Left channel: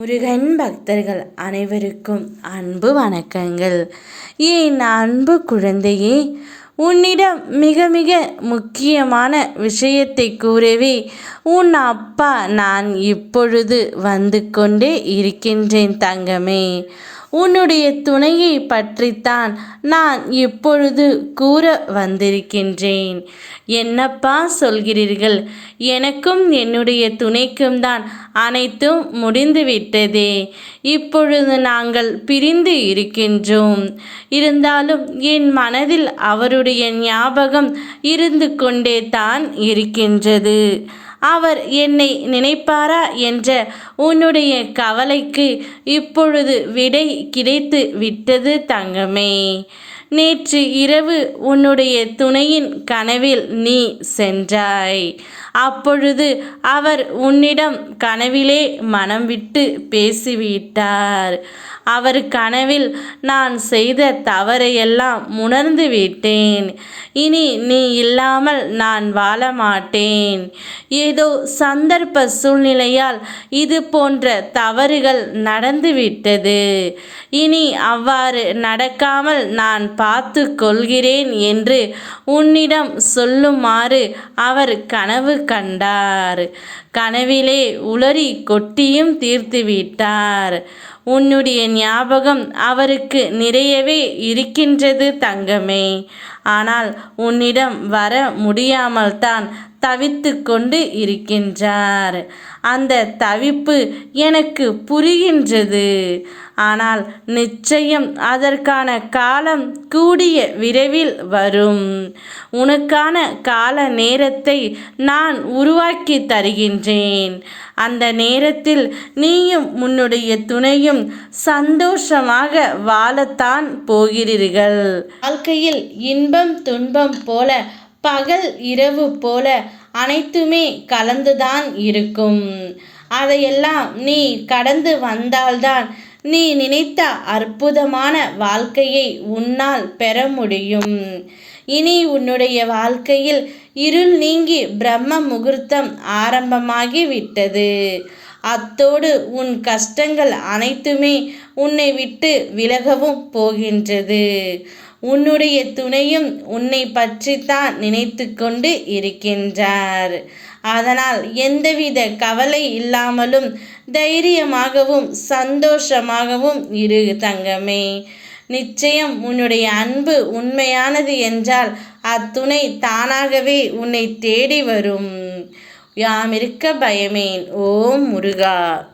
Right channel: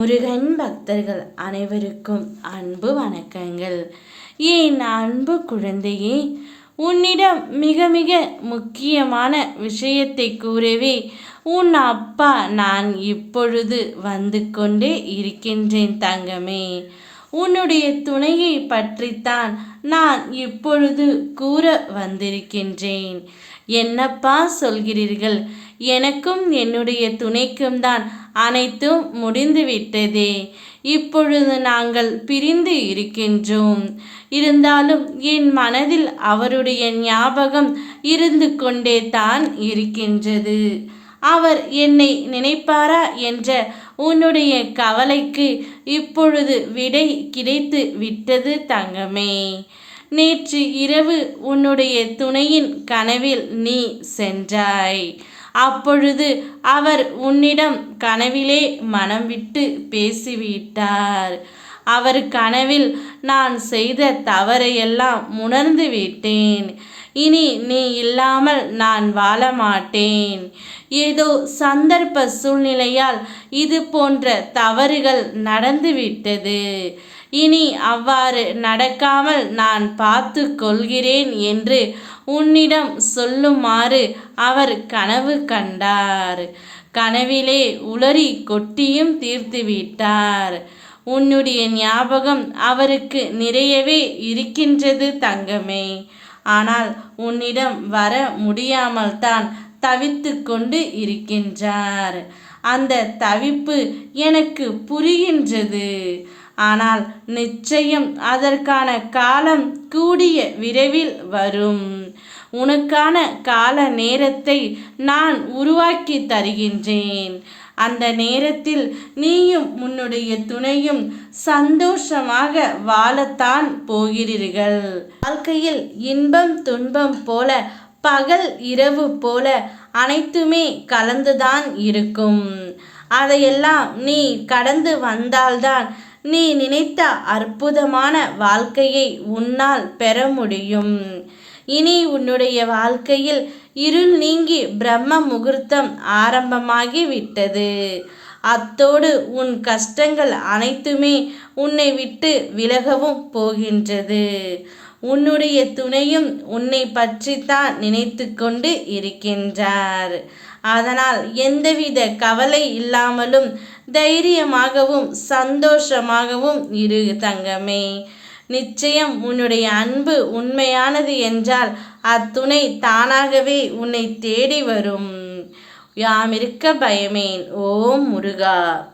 முருகன் பக்தர்கள் அனைவருக்கும் அன்பு வணக்கங்கள். என் அன்பு குழந்தையே உன்னிடம் மிக மிக முக்கியமான விஷயத்தை கூறவே உன் அப்பா நான் இப்பொழுது வந்து கொண்டே இருக்கின்றேன் தங்கமே. உன்னுடைய துணையை பற்றித்தான் நான் இப்பொழுது கூற வந்திருக்கின்றேன். என்னப்பா சொல்கிறீர்கள்? எனக்கும் என்னுடைய துணைக்கும் தான் அனைத்தும் முடிந்துவிட்டதே. இப்பொழுது நாங்கள் பிரிந்து இருக்கின்றோம். இருந்தாலும் என் மனதில் அவருடைய ஞாபகம் இருந்து கொண்டே தான் இருக்கின்றது. அவர் என்னை நினைப்பாரா என்ற உன்னுடைய கவலைக்கு இப்பொழுது விடை கிடைத்து விட்டது தங்கமே. நேற்று இரவு உன்னுடைய துணையின் கனவில் நீ சென்றாய். அப்பொழுது அவர் உன்னிடம் கனவிலே மனம் விட்டு பேசிவிட்டார். அவர் கனவில் நான் செய்த தவறையெல்லாம் உணர்ந்து விட்டேன். இனி நீ இல்லாமல் நான் வாழ மாட்டேன். ஏதோ சந்தர்ப்ப சூழ்நிலையால் இது போன்ற தவறுகள் நடந்துவிட்டது இனி அவ்வாறு நடக்காமல் நான் பார்த்து கொள்கிறேன் என்று உன்னிடம் சொல்லுமாறு அவர் கனவு கண்டார். கனவிலே உளறி கொட்டியும் தீர்த்து விட்டார் உன்னுடைய ஞாபகம் அவருக்கு நிறையவே இருக்கின்றது தங்கமே. ஆனால் உன்னிடம் வர முடியாமல் தான் தவித்து கொண்டு இருக்கின்றார். அந்த தவிப்பு எனக்கு புரிகின்றது. ஆனால் நிச்சயம் அதற்கான காலம் கூடிய விரைவில் வரும். உனக்கான கால நேரத்தை நான் உருவாக்கி தருகின்றேன். அந்த நேரத்தில் நீயும் உன்னுடைய துணையும் சந்தோஷமாக வாழத்தான் போகிறீர்கள். வாழ்க்கையில் இன்பம் துன்பம் போல பகல் இரவு போல அனைத்துமே கலந்துதான் இருக்கும். அதையெல்லாம் நீ கடந்து வந்தால்தான் நீ நினைத்த அற்புதமான வாழ்க்கையை உன்னால் பெற முடியும். இனி உன்னுடைய வாழ்க்கையில் இருள் நீங்கி பிரம்ம முகூர்த்தம் ஆரம்பமாகி விட்டது. அத்தோடு உன் கஷ்டங்கள் அனைத்துமே உன்னை விட்டு விலகவும் போகின்றது. உன்னுடைய துணையும் உன்னை பற்றித்தான் நினைத்து கொண்டு இருக்கின்றார். அதனால் எந்தவித கவலை இல்லாமலும் தைரியமாகவும் சந்தோஷமாகவும் இரு தங்கமே. நிச்சயம் உன்னுடைய அன்பு உண்மையானது என்றால் அத்துணை தானாகவே உன்னை தேடி வரும். யாம் இருக்க பயமேன். ஓம் முருகா.